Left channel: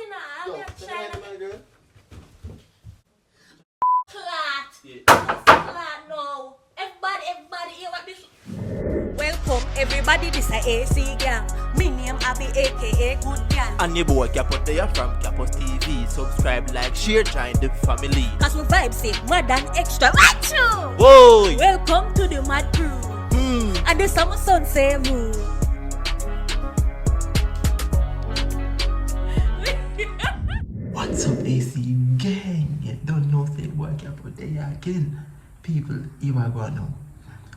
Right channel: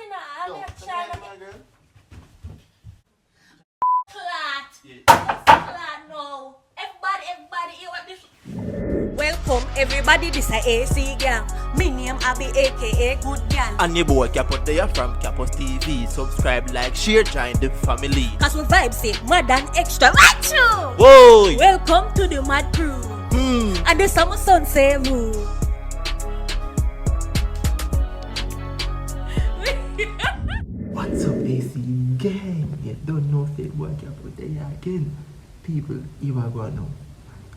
in a Yo, China. my girl. Flat. Yeah. Flat now. Everybody, hear what this. Welcome everybody, this is AC gang. Me name Abby aka Good Gal. And your boy Capos there from Capos TV. Subscribe, like, share, join the family. Cause we vibes it, mad and extra. Right you? Whoa! Welcome to the Mad Crew. And the summer sun say woo. What's up, AC gang? You don't know say boy Capos there again. People, you are going now.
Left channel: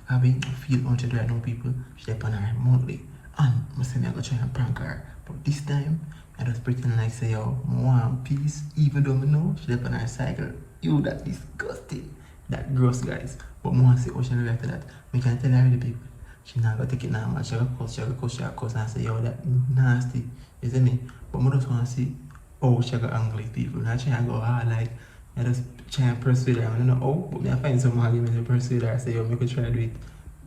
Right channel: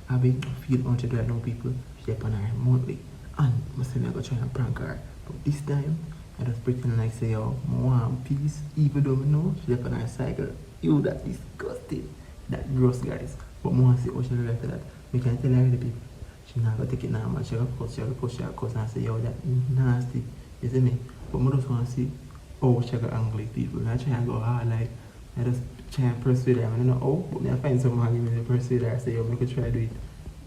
I feel on right now, people. She up on her monthly. And I say I go try and prank her. But this time, I just pretend like say, yo, one piece. Even though I know she up on her cycle. You that disgusting. That gross, guys. But I see how she react to that. We can tell her the people. She not gonna take it normal. She gonna cuss and say, yo, that nasty. You see me? But I just want to see how she gonna angle with people. Not try and go hard like, I just try and persuade her. I don't know how, but I find some argument to persuade her. I say, yo, make her try to do it.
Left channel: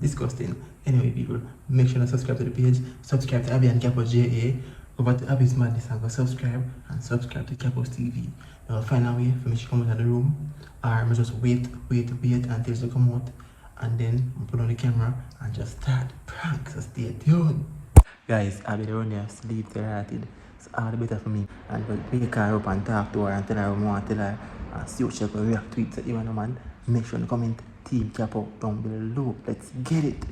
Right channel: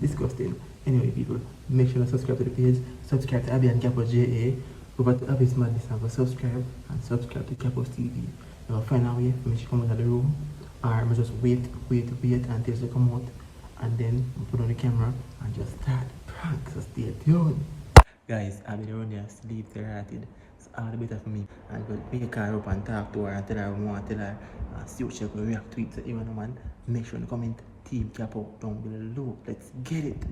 Disgusting. Anyway, people, make sure to subscribe to the page. Subscribe to Abby and Capos JA. Go back to Abby's Madness and go subscribe. And subscribe to Capos TV. Now, find a way for me to come out of the room. Or I just wait until she come out. And then put on the camera and just start prank. So stay tuned. Guys, Abby the one here sleep hearted. It's all the better for me. And we'll pick her up and talk to her and tell her what we want to tell her. And see what she will react to it. So you know, man, make sure to comment Team Capo down below. Let's get it.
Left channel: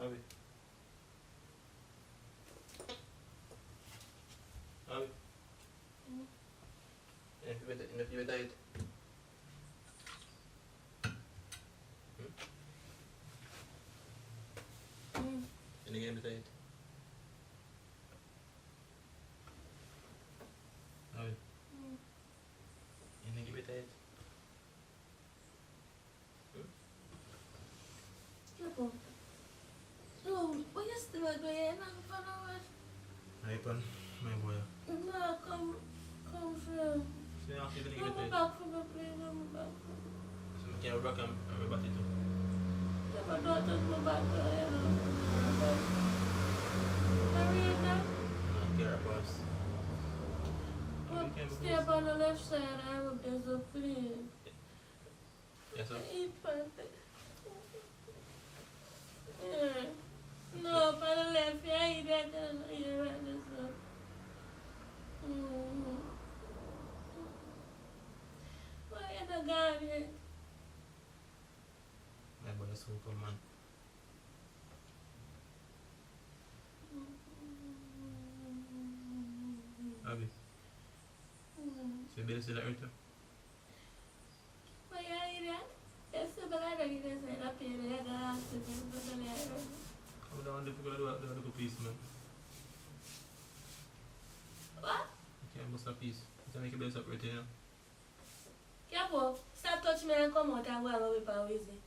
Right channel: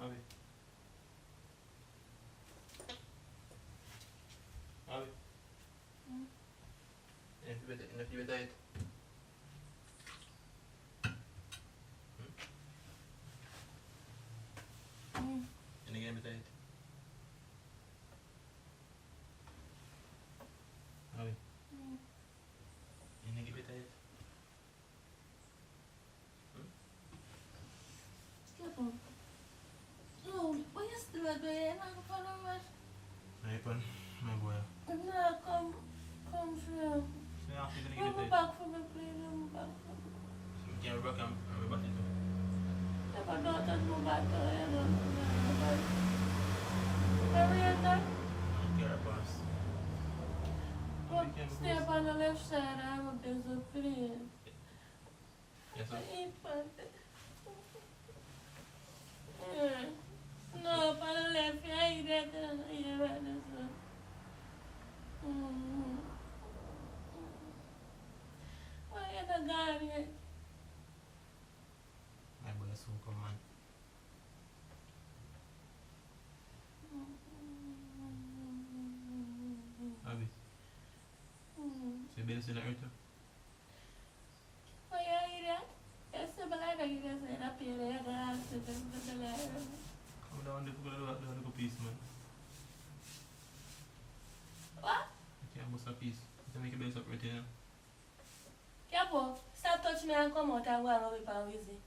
Abby. Abby. Enough you better eat. And again better eat. Abby. And again better eat. Oh, what you still doing? Hey, pon, my boy. No, come here. So now you're gonna Come give it back from the place, come back from the So we can back and back it too. Never know just go back to you know. Marietta, Get our boss. stay up on the left side, I hope there's a plane. Yes, sir. Eat something. Yeah. No, up on the left, yeah, eat that, yeah, right, this one. Why you the gone here? My boy is so cool, man. Abby, so you better still at her? Why you eat that? Yes, but I don't eat that, up here, I got to do the letter. Come down, we're gonna do a little piece, man. What? You can't bust a piece. You can make a base up right here. Capo, stop touching me and come out and go and go whip and whizzy.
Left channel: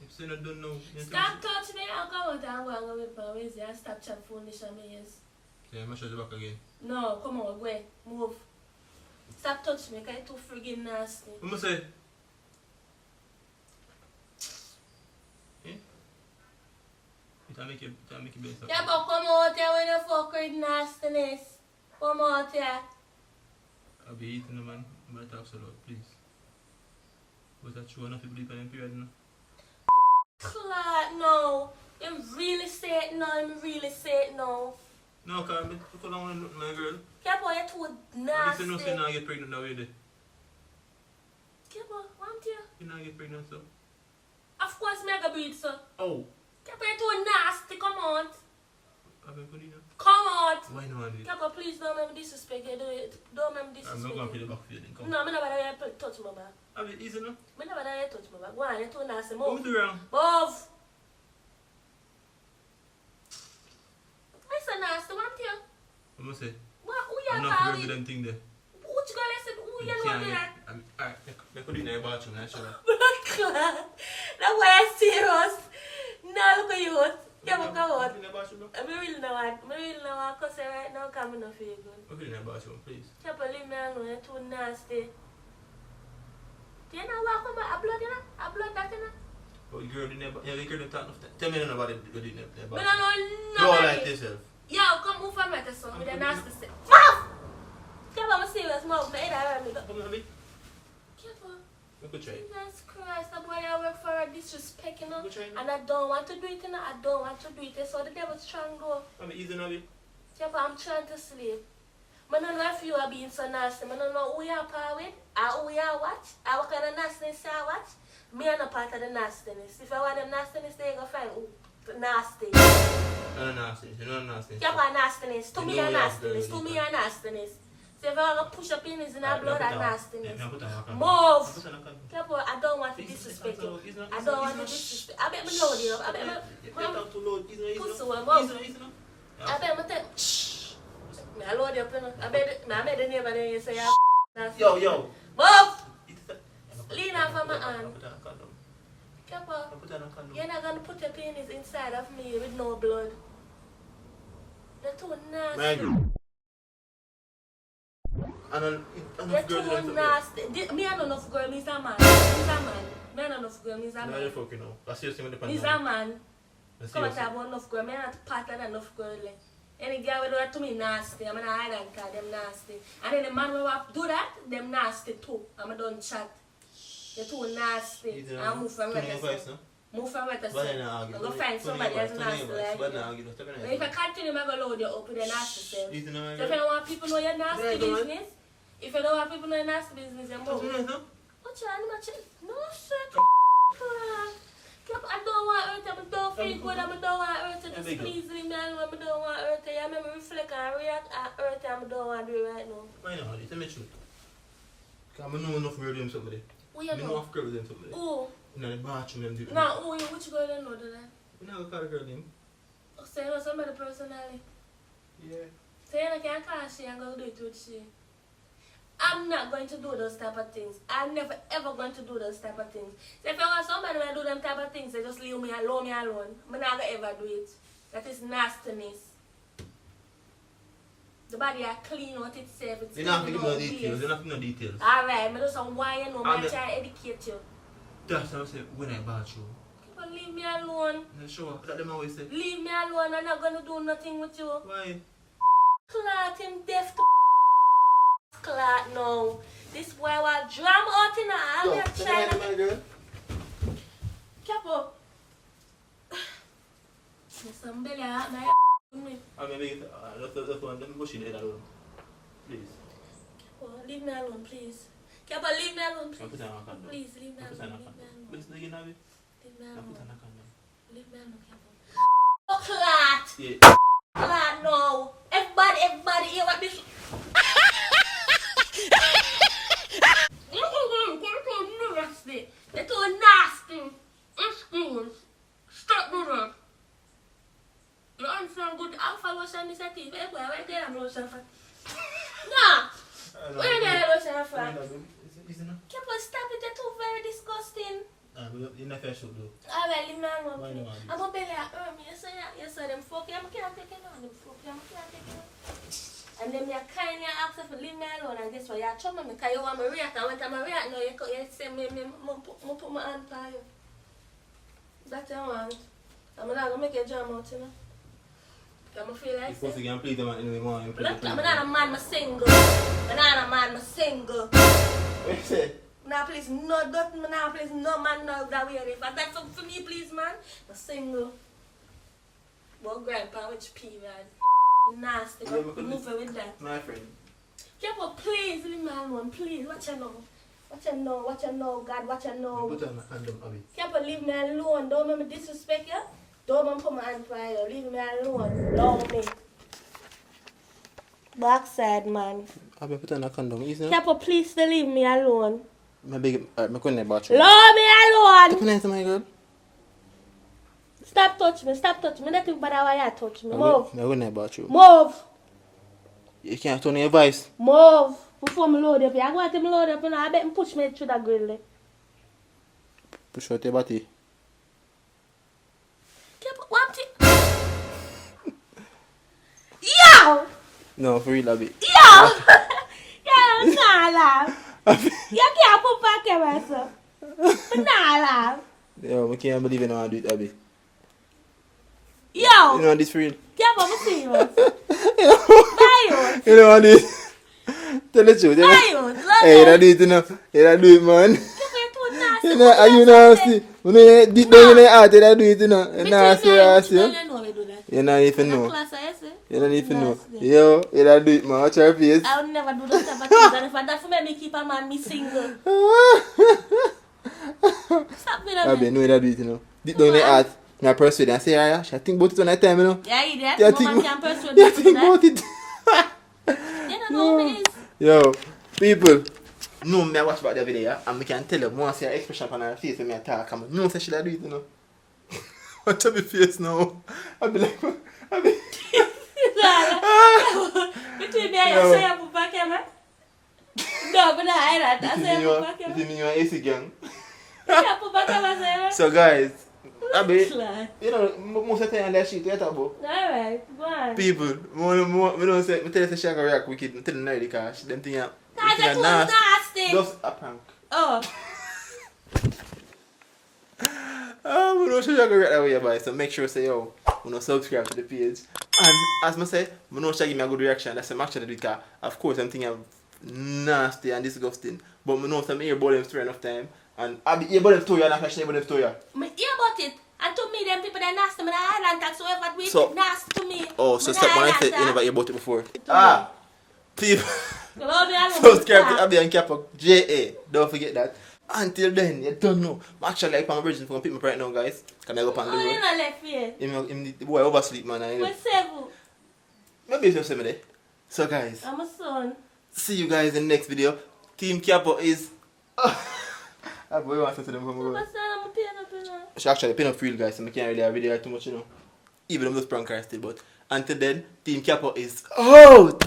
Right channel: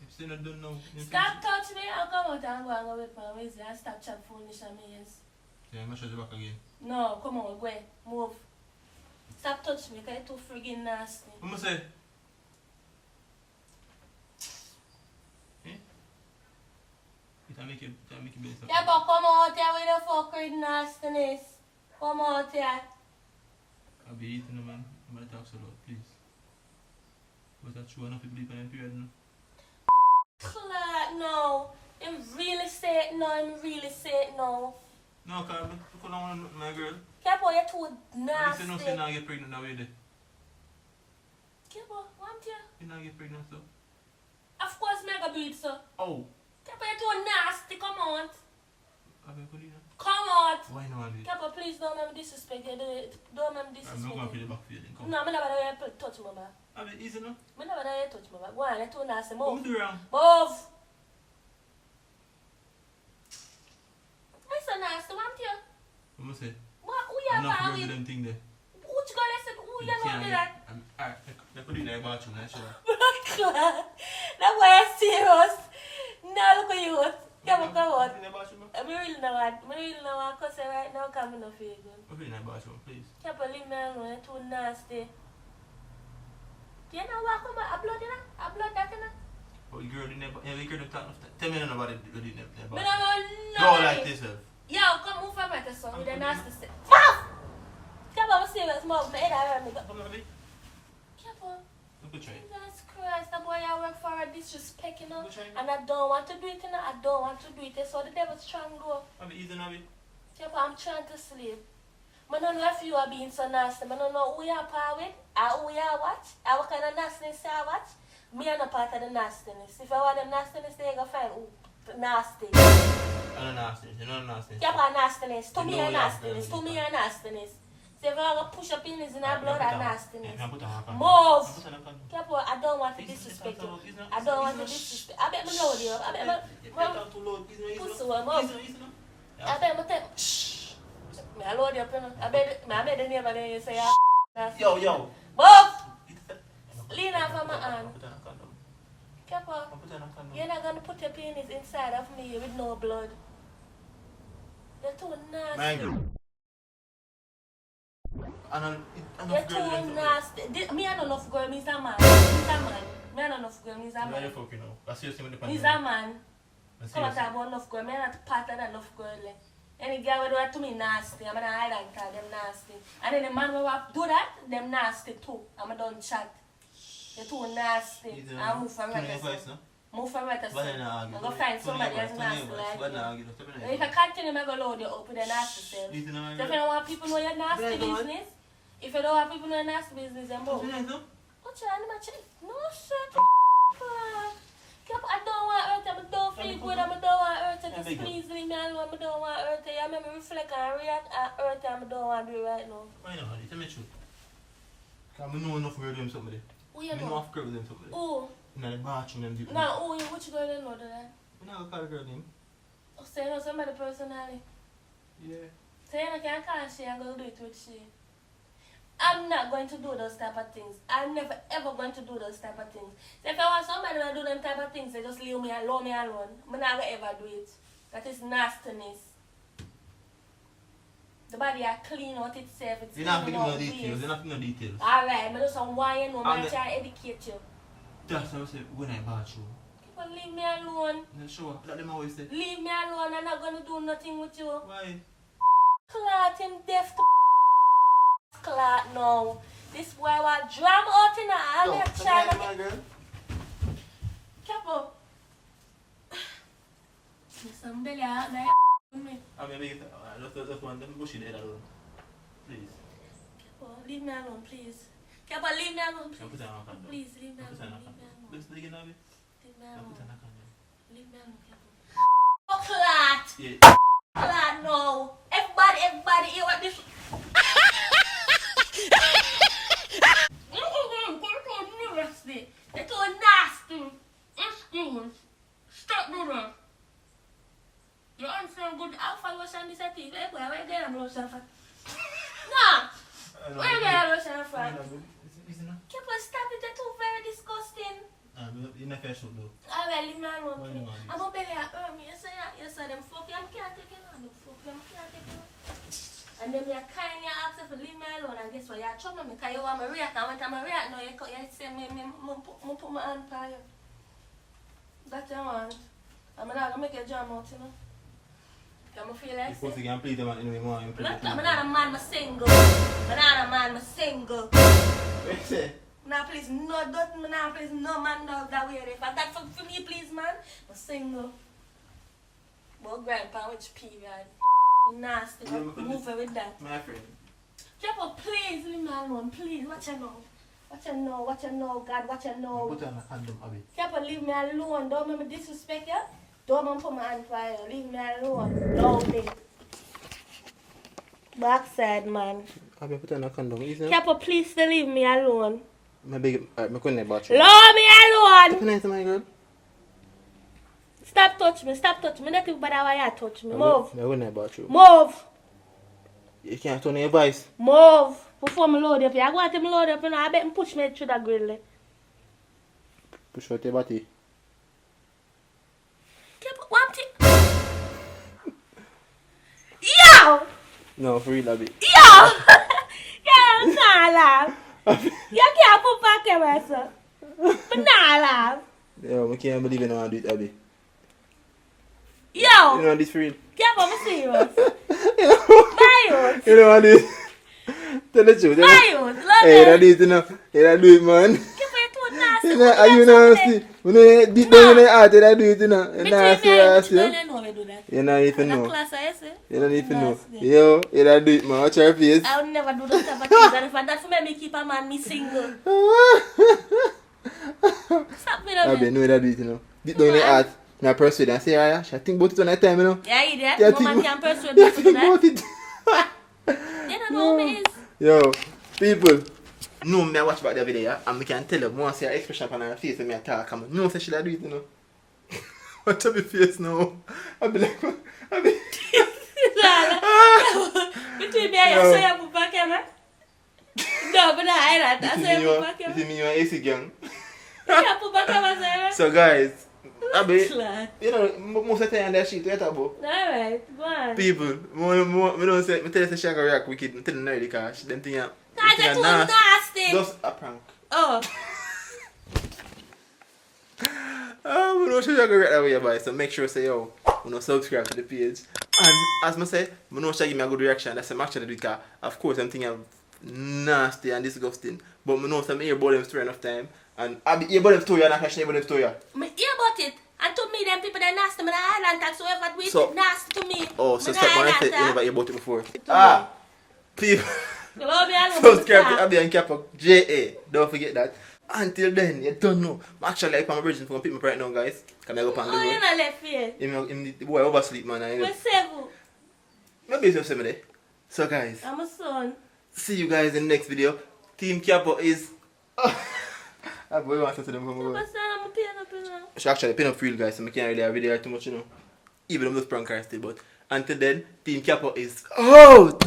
If you don't know, Stop touching me and come out and go and go whip and whizzy and stop chat foolish on me, yes. so I'm gonna shut you back again. No, come on, go, move. Stop touching me, because you're too friggin' nasty. What am I say? Eh? You can make a base up. Yeah, but come out here when you fuck with nastiness. Come out here. I'll be eating, man. I'm gonna talk so loud, please. Was that true enough people in period now? Flat, no. You really say it now, you really say it now. No, because I don't want to look at my girl. Capo, you're too At nasty. least you know so you're not get pregnant now, you did. Capo, want you? You're not get pregnant, so. Of course, me I go do it, sir. Oh! Capo, you're too nasty, come on. I've been putting it. Come out. Why not do it? Capo, please don't make me disrespect you. Don't make me I'm disrespect not going to you. feel the back for you then. Come. No, I never let you touch my back. I've been easy now. I never let you touch my back. Go on, you're too nasty. What Move. me do wrong? Move. Why so nasty? Want you? What am I say? What? Who you I'm not are going to with? them thing there. Which girl listen? Who you know me that? Alright, they could do it in the bathroom, I should have. Blood clot. That's why I'm serious. Now look at you. Yeah, but come on. In the bathroom, no? I really know what cuss right now coming off you good. Put it in the bathroom, please. Can't believe me alone, you're too nasty. Do you know what come a blood in a blood that in But the girl, you never talk enough. Tell me nobody do it never. Me no know Go nothing. like yourself. Yo, come move from right son with a nasty step. Mouth! Come on, serious mouth. My head around me. Come on, me. Careful. You could try. Jesus Christ, the boy I work for a disrespect, you know. Go try now. And I don't want to do it, you know. I don't want to do it. So the devil's trying to go. I'm easy now, me. Careful, I'm trying to sleep. I don't know if you are being so nasty. I don't know who you are part with, or who you are watch, or what kind of nastiness you are watch. Me are not part of the nastiness. If I want them nastiness, they go find who nasty. I'm not nasty. You're not nasty. Careful, nastiness. To You me, know a you have nastiness. girls To me, in a nastiness. So if I want to push up in his blood, a nastiness. Yeah, put on a condom. Move. Put on a condom. Careful, I don't want to disrespect you. I don't want to disrespect. I bet me load you. I bet me. Pussy, move. I bet me take. Shh. Me I load you up, you know. I bet the neighbor then you say, Yo. move. Lean off of my hand. Put on a condom. Careful. Put on a condom. You're not going to put your penis inside of me with no blood. You're too My nasty. girl. And You're enough girls too them nasty. Me and enough girl, me's a man. Me's a man. Me and enough girl, me's a Now you're man. fucking now. That's seriously when the Me's a man. That's Come and seriously. talk about enough girl. Me not part of that enough girl. Any girl will do that to me nasty. I'm gonna hide and call them nasty. And then the man will do that, them nasty too. I'm done chat. You're too nasty. I'll move from right now. Move from right But now. then I I'm gonna find somebody else nasty like you. If I continue, I'm gonna load you up with the nasty self. So if you don't want people to know your nasty Right, go on. business, if you don't want people to know your nasty business, then move. What's your name? No, shut I don't want her to, I don't feel good, I don't want her to just please leave me alone, I don't want her to, I remember reflect and react at her to, I don't want to do it right now. I know, tell me the truth. Because I know enough girl them somebody. Who you I know know? enough girl them somebody. Who? In the bathroom them do. No, who you, which girl you know that? I'm not going to call a girl name. Oh, so you know somebody personally? Yeah. So you can't call she and go do it with she. I'm not going to do those type of things. I'm never ever going to do those type of things. So if I want somebody to do them type of things, they just leave me alone. I'm not going to ever do it. That is nastiness. The body are clean out itself. It's You're not clean giving no out details. base. You're not giving no details. Alright, I do some why you know, And I'm trying to educate you. That's how I say when I bathroom. People leave me alone. Yeah, sure. That them always say. Leave me alone. I'm not going to do nothing with you. Why? Clot him deaf to clot now. This boy was drum out in the army of China. my girl. Careful. Somebody out there me. I mean, that's one. Let me go see the head alone. Please. Careful, leave me alone, please. Careful, leave me alone, Can put please. on a condom. Please, leave me Put on alone. a Leave me condom. alone. But it's not gonna be. Leave me Can put on alone. a condom. Leave me alone, careful. Oh, clot. Yeah. Clot, no. Everybody hear what this. Nasty. They're too nasty. Excuse. Stop doing that. You understand good alpha lotion this at you. Where get a lotion from? No. Where get a lotion from? Careful, stop it. You're too very disgusting. You're not fair shoot though. Alright, leave me alone, Why please. you want this? I'm gonna belly hurt me. You say them fuck you. I can't take it on. Them fuck you. I can't take it on. And then you kindly ask if you leave me alone, and guess what? You trouble me because you want me react. And when I'm react, now you say me put my hand on you. That's what you want. I'm not gonna make you jam out, you know. Can I feel You're like supposed to get play them anyway more. I'm not a man, I'm single. I'm not a man, I'm single. What you say? Now please, no, don't, now please, no man knows that way. If that's something for me, please, man, I'm single. Well, grandpa, which period? Nasty, Yeah, because move it with that. My friend. Careful, please, leave me alone, please. What you know? What you know? What you know, God? What you know? Put on a condom, Abby. Careful, leave me alone. Don't make me disrespect you. Don't make me put my hand for you. Leave me alone. Love me. Backside, man. Abby, put on a condom. Easy. Careful, please, don't leave me alone. My big, my couldn't bathroom. Love me alone. Good night, my girl. Stop touch me. Stop touch me. Don't think about how you touch me. Move. I wouldn't about you. Move. You can't turn your voice. Move. Before me load up here. I go to me load up, you know. I bet me push me through the grill. Push out your body. Keep one thing. Yo! No, for real, Abby. Yo! Yo, nah laugh. You can't put back camera, sir. But nah laugh. Yo, I can't believe you don't want to do it, Abby. Yo! You don't want this for real? Yeah, but I'm serious. Buy it. You don't want this? Tell the truth. Buy it. Love Hey, you don't it. do it, you know. You don't do it, man. Give me too nasty. You know, are you nasty? When you deep down in the heart, you don't do it, you know. You Between nasty, me and nasty. you, you know we do that. You don't even The know. class I say. You don't even know. Nasty. Yo, you don't do it, man. Watch your face. I would never do those type of things. And if I that for me keep a man me single. Stop me that Abby, man. no, you don't do it, you know. Deep down in the heart. I persuade and say, yeah, I think about it on that time, you know. Yeah, idiot. Yeah, No man can persuade yeah, me to do think that. about it. You don't know who me is. Yo, people. No, me I watch about the video, yeah, and me can tell you, once see her expression on her face when me I talk, and no say she do it, you know. Watch her face now. I be like, I be... Between me and you, so you put back camera? No, but I ain't that. I say you put back This camera. is me and AC gang. You put back camera, So guys, I be, sir. you know, most of the time that shit, you talk about. Alright, go on. People, me don't say, me tell you say she gonna react wicked, me tell you now because them thing are That's them too thing are nasty. Just a prank. Oh. We know she gonna react that way, boy. So make sure say yo, we know subscribe to the page. And as I say, we know she give me a good reaction. That's I'm actually doing because of course I'm thinking nasty and disgusting. But we know some hear about them story enough time. And I be hear about them story and I can share about them story. Me hear about it. And to me, them people, they nasty. Me the island tax, so whoever do it, So- nasty to me. Oh, so Me step the one I island said you tax. never hear about it before. Ah. People. Hello, me alone. Subscribe to Abby and Capo JA. Don't forget that. Until then, you don't know. I'm actually like I'm a virgin for people right now, guys. Can I go up on the Oh, you road? not left here. The boy oversleep, man. We're seven. Maybe it's just there. So, guys, I'm a son. see you guys in the next video. Team Capo is. I boy wants to see them come I'm over. a son, I'm a piano. She actually pin up for real, guys, so I can't really have video too much, you know. Even though I'm just prank her still, but until then, Team Capo is out.